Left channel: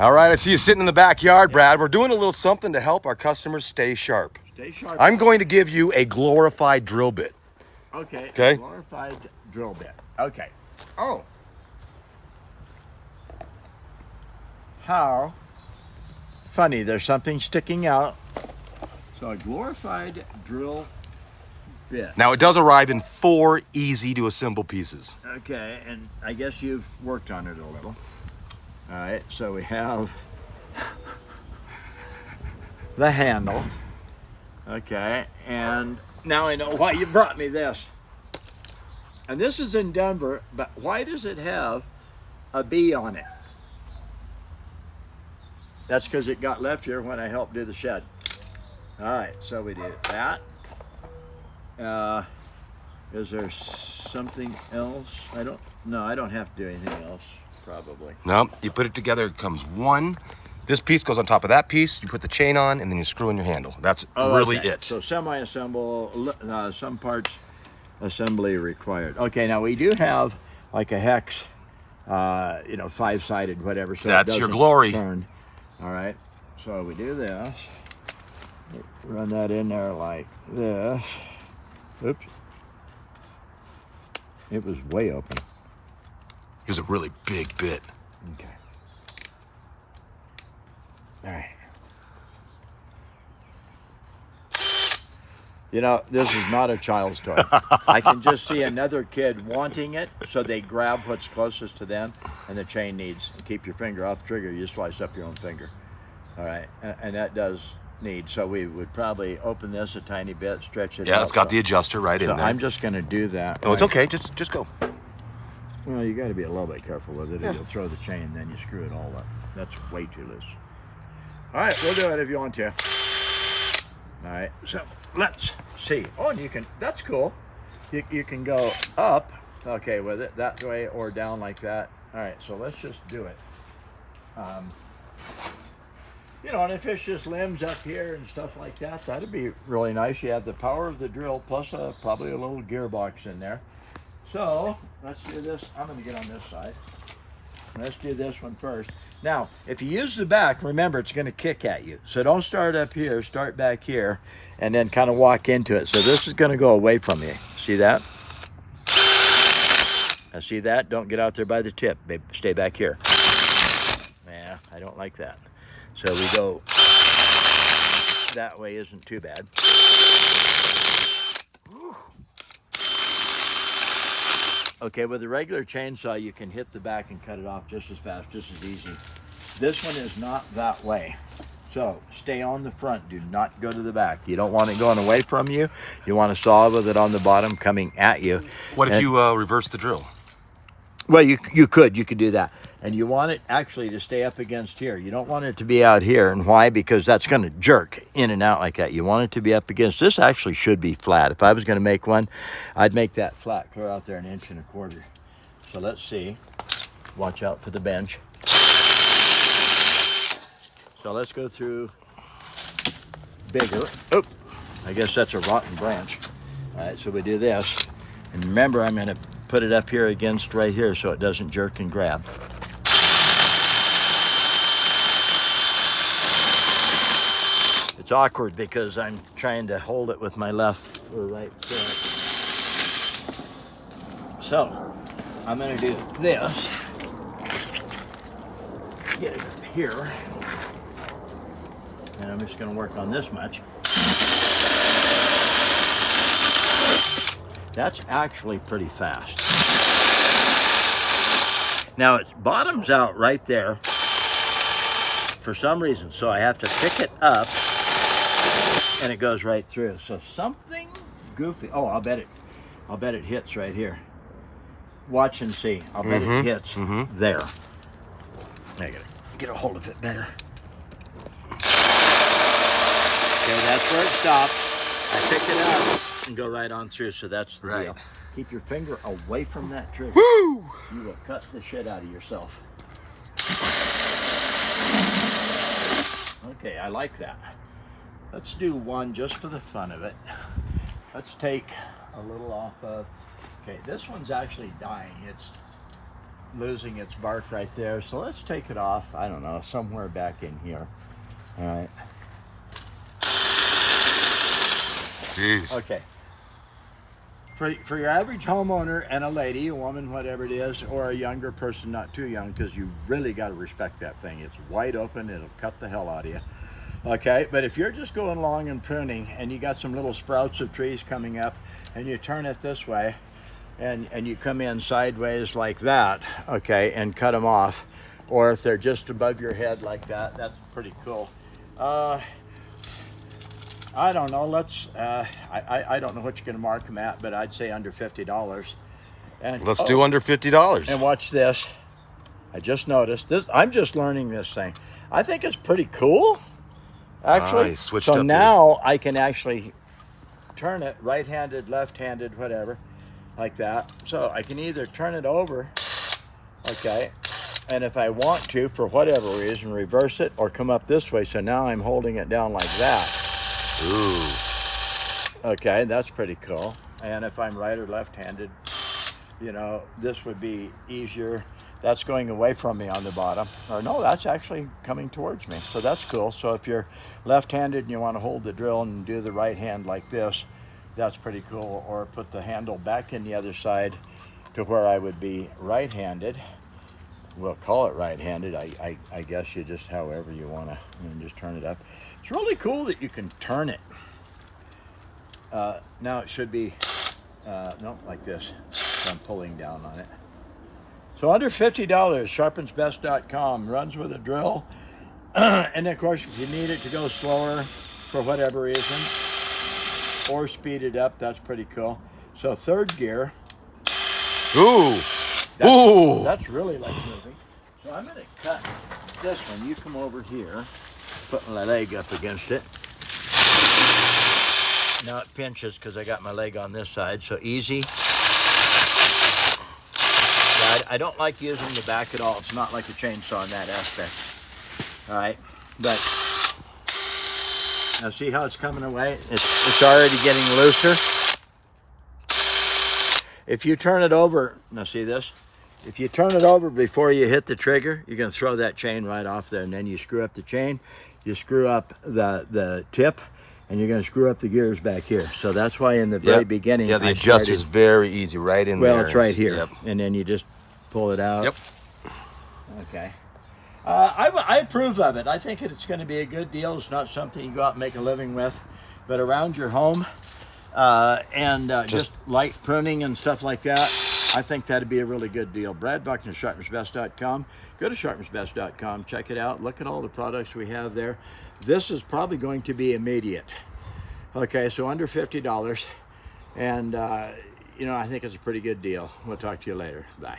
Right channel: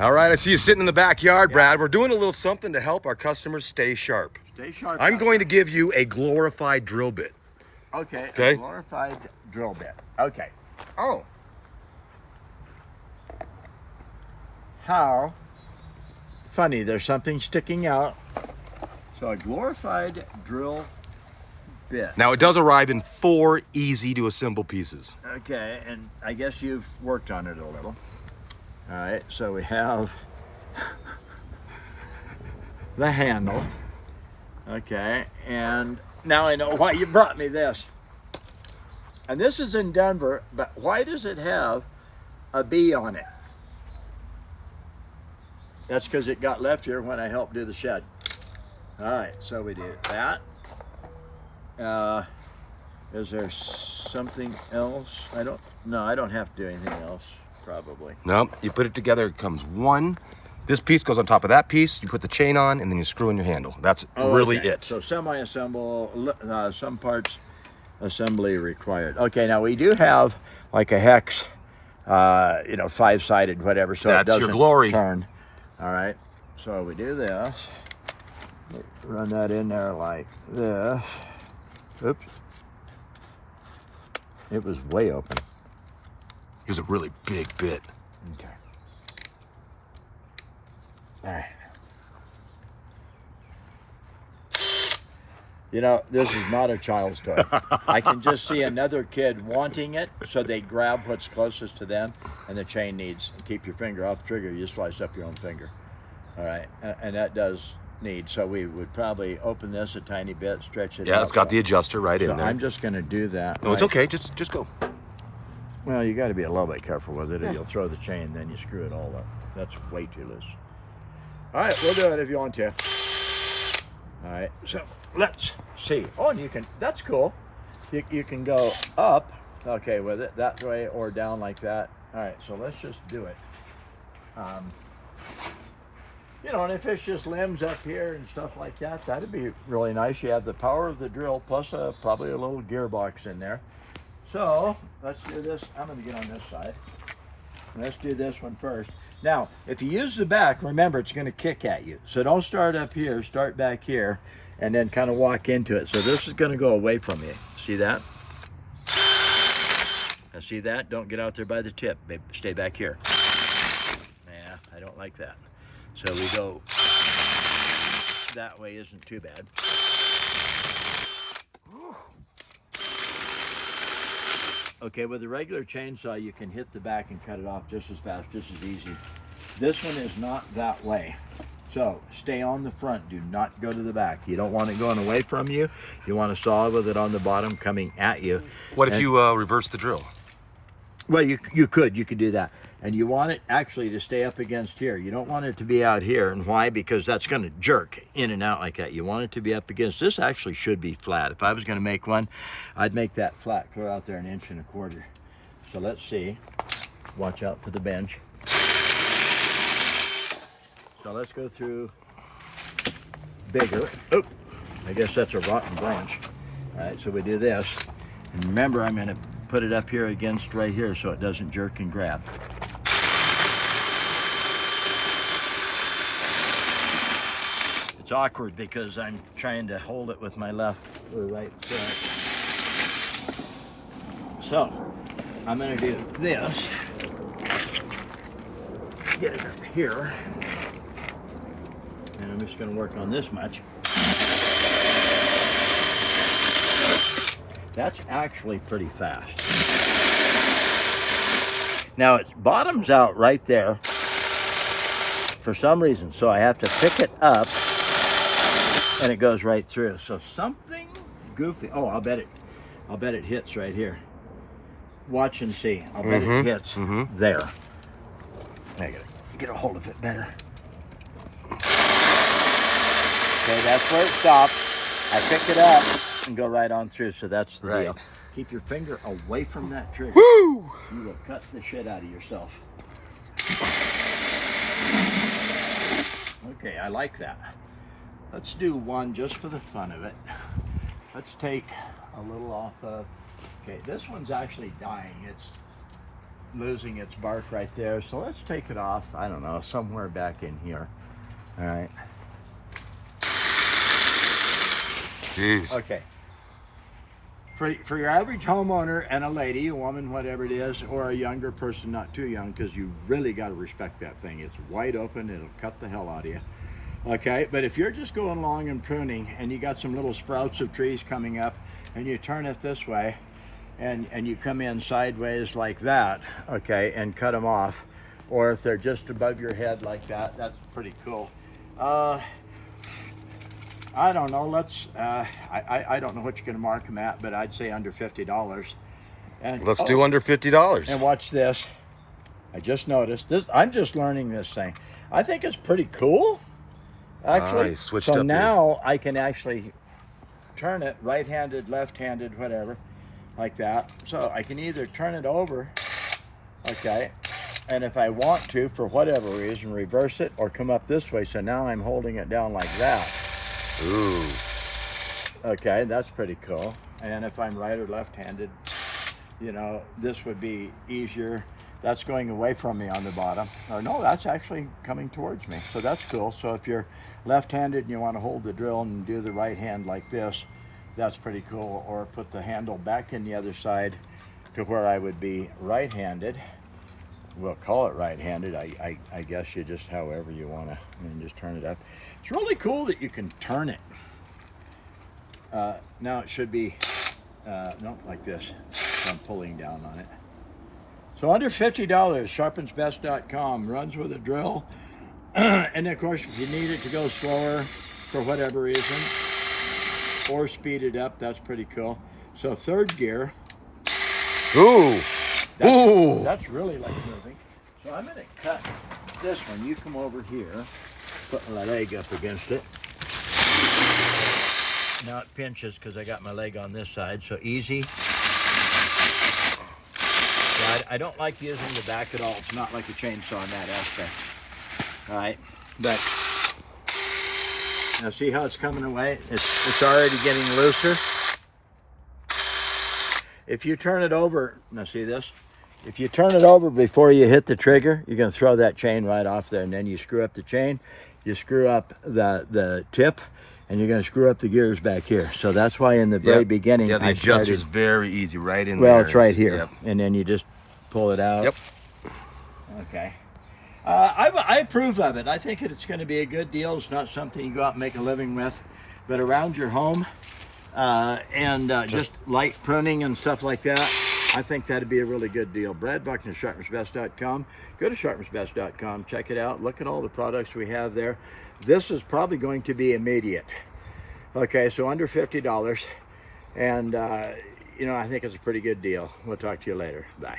All right, I see you sitting in the backyard, Brad. We're doing a little something to help our customers stay sharp. Stay sharp. I'm going to give you a glorified drill bit. Okay. Okay. A glorified drill bit. Okay. Oh. How funny. There's something sticking out. So a glorified drill bit. Now, it does arrive in 4 easy to assemble pieces. Okay, and I guess you've worked on it a little. All right, so we have the handle. Okay, and now I know why you brought me this. And this is in Denver, but why does it have a B on it? That's because it got left here when I helped do the shed. All right, so we do that. Is there something else? I don't have to do anything else, probably. No, you put it together, it comes one. This piece goes on top of that piece, you put the chain on, and then you screw in your handle. That's really okay. it. So semi-assemble, some parts assembly required. Okay, now we do have like a hex, 5-sided, whatever, so That's it doesn't your glory. turn. All right, so we do this. Run that in there like this. Oops. It was way open. Here's a really big bit. Okay. All right. You know, this is not a child's toy. I can just see another kid wanting it, so they grab what's closest to them, and the chain needs. And keep your finger off the trigger. You slice up your own finger. All right, and that does need. So we would probably open this a tiny bit, stretch it. Yeah, it's got the adjuster right in there. I'm just going to do that. No, it's okay. Just go. Well, you got to be a little bit careful with it, or you'll throw the chain, then you screw it all up. That's way too loose. All right, we'll do it if you want to. All right, so let's see. Oh, and you can, that's cool. You can go up, okay, with it, that way or down like that. All right, so let's just do it. And if it's just limbs up here and stuff like that, that'd be really nice. You have the power of the drill plus probably a little gearbox in there. So let's do this. I'm going to get on this side. Let's do this one first. Now, if you use the back, remember it's going to kick at you. So don't start up here, start back here, and then kind of walk into it. So this is going to go away from you. See that? Now see that? Don't get out there by the tip, babe. Stay back here. Yeah, I don't like that. So we go that way, isn't too bad. Okay, with a regular chainsaw, you can hit the back and cut it off just as fast, just as easy. This one is not that way. So stay on the front, do not go to the back. You don't want it going away from you. You want to saw with it on the bottom coming at you. What if you reverse the drill? Well, you could do that. And you want it actually to stay up against here. You don't want it to be out here. And why? Because that's going to jerk in and out like that. You want it to be up against. This actually should be flat. If I was going to make one, I'd make that flat, clear out there 1.25 inches. So let's see. Watch out for the bench. So let's go through bigger. Oh, I guess that's a rotten branch. All right, so we do this. And remember, I'm going to put it up here against right here so it doesn't jerk and grab. It's awkward because I'm trying to hold it with my left or right foot. So I'm going to do this. Get it up here. And I'm just going to work on this much. That's actually pretty fast. Now it bottoms out right there for some reason, so I have to pick it up and it goes right through. So something goofy. Oh, I'll bet it hits right here. Watch and see. I'll bet it hits there. I gotta get a hold of it better. Okay, that's where it stops. I pick it up and go right on through. So that's the deal. Keep your finger away from that trigger. Woo! You will cut the shit out of yourself. Okay, I like that. Let's do one just for the fun of it. Let's take a little off of, okay, this one's actually dying. losing its bark right there. So let's take it off, I don't know, somewhere back in here. All right. Jeez. Okay. For your average homeowner and a lady, a woman, whatever it is, or a younger person, not too young, because you really got to respect that thing. It's wide open. It'll cut the hell out of you. Okay, but if you're just going along and pruning and you got some little sprouts of trees coming up and you turn it this way and you come in sideways like that, okay, and cut them off, or if they're just above your head like that, that's pretty cool. I don't know. I don't know what you're going to mark them at, but I'd say under $50. And Let's do under $50. And watch this. I just noticed this. I'm just learning this thing. I think it's pretty cool, actually. You switched so up now I can actually turn it right-handed, left-handed, whatever, like that. So I can either turn it over, okay, and if I want to, for whatever reason, reverse it or come up this way. So now I'm holding it down like that. Ooh. Okay, that's pretty cool. And if I'm right or left-handed, you know, this would be easier. That's going away from me on the bottom. Or no, that's actually coming towards me. So that's cool. So if you're left-handed and you want to hold the drill and do the right hand like this, that's pretty cool. Or put the handle back in the other side to where I would be right-handed. We'll call it right-handed. I guess you just however you want to, and just turn it up. It's really cool that you can turn it. Now it should be, no, like this. So I'm pulling down on it. So under $50, sharpensbest.com, runs with a drill. And of course, if you need it to go slower for whatever reason, or speed it up, that's pretty cool. So third gear. Ooh. Ooh. That's really like moving. So I'm gonna cut this one. You come over here, put my leg up against it. Now it pinches because I got my leg on this side, so easy. Yeah, I don't like using the back at all. It's not like a chainsaw in that aspect. All right, but now see how it's coming away? It's already getting looser. If you turn it over, now see this? If you turn it over before you hit the trigger, you're going to throw that chain right off there, and then you screw up the chain, you screw up the tip, and you're going to screw up the gears back here. So that's why in the very beginning, yeah, the adjust is very easy, right in there. Well, it's right here, Yep. and then you just pull it out. Yep. Okay. I approve of it. I think it's going to be a good deal. It's not something you go out and make a living with, but around your home and just light pruning and stuff like that, I think that'd be a really good deal. Brad Buckner, sharpensbest.com. Go to sharpensbest.com, check it out, look at all the products we have there. This is probably going to be immediate. Okay, so under $50, and you know, I think it's a pretty good deal. We'll talk to you later. Bye.